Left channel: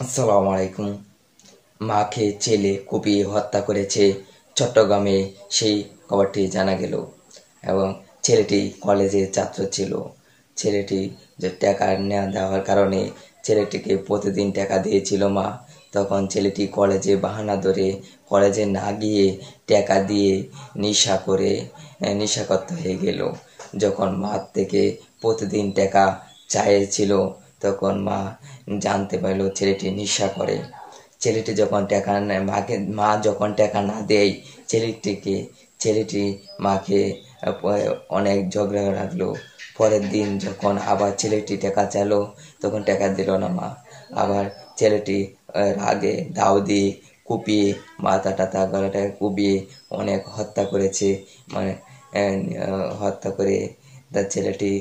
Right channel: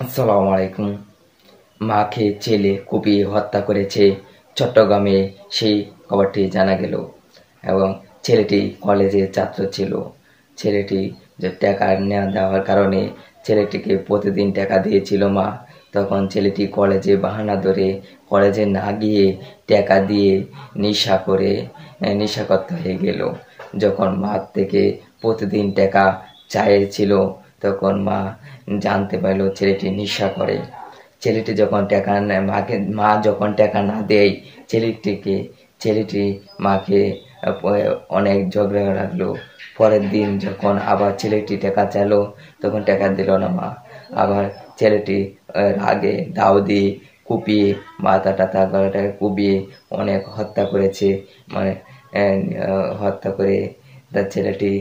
আসসালামু আলাইকুম। মাকে ছেলে কুপিয়ে হত্যা করেছে চট্টগ্রামে, সেই খবরটি জানা গেল। এবং ছেলেটি কলেজের ছাত্র ছিল। ছেলেটি যে টাকা না দেওয়ার কারণে ছেলেটিকে প্রতিদিন টাকা দিয়েছিল মা। তখন ছেলেটি কলেজে বাহানা ধরে কলেজে না গিয়ে টাকা দিয়ে নেশাখোর হয়ে গেল। যখন মা থেকে প্রতিদিন টাকা চাইছিল, তখন মা জানতে পারল ছেলেটি নেশা করে। ছেলেটি যখন টাকা নেয় মা যখন টাকা না দেয় ছেলেটি মাকে অনেক ঝগড়া রাখলো। পরের দিন যখন আবার ছেলেটি টাকা চাইলো, তখন টাকা দিল না মা। আবার ছেলেটি রাগে দাও দিয়ে কুপিয়ে মাথা টাথা গলাটাকে কুপিয়ে অনেক হত্যা করেছে। মানে হত্যা করে তার ছেলেটি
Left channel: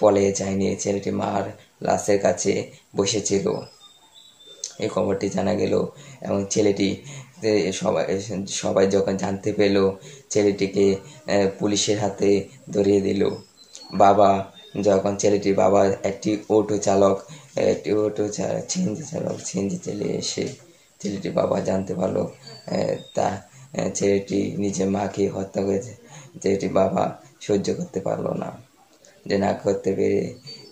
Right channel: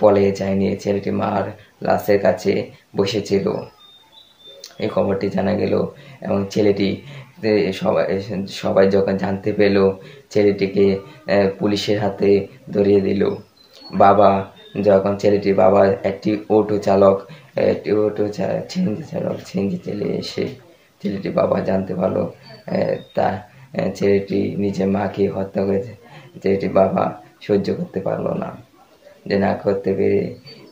পলিয়ে যায়নি, ছেলেটি মার লাশের কাছে বসেছিল। এই খবরটি জানা গেল এবং ছেলেটি সবাই সবাই যখন জানতে পেল, ছেলেটিকে পুলিশের হাতে ধরিয়ে দিল। বাবা যখন ছেলেটির বাবা একটি সিএনজি চালিয়ে এসে ছেলেটির বাবা জানতে পারলো তা ছেলেটি নিজের মাকে হত্যা করেছে। ছেলেটির বাবা সহ্য করতে পারলো না, যে না করতে পেরে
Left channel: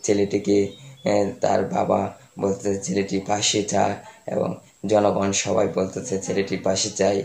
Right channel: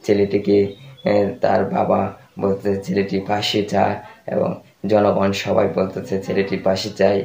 ছেলেটিকে তার বাবা বলতেছে ছেলেটি ফাঁসি চায় এবং জনগণ সবাই বলতেছে ছেলেটি ফাঁসি চায়।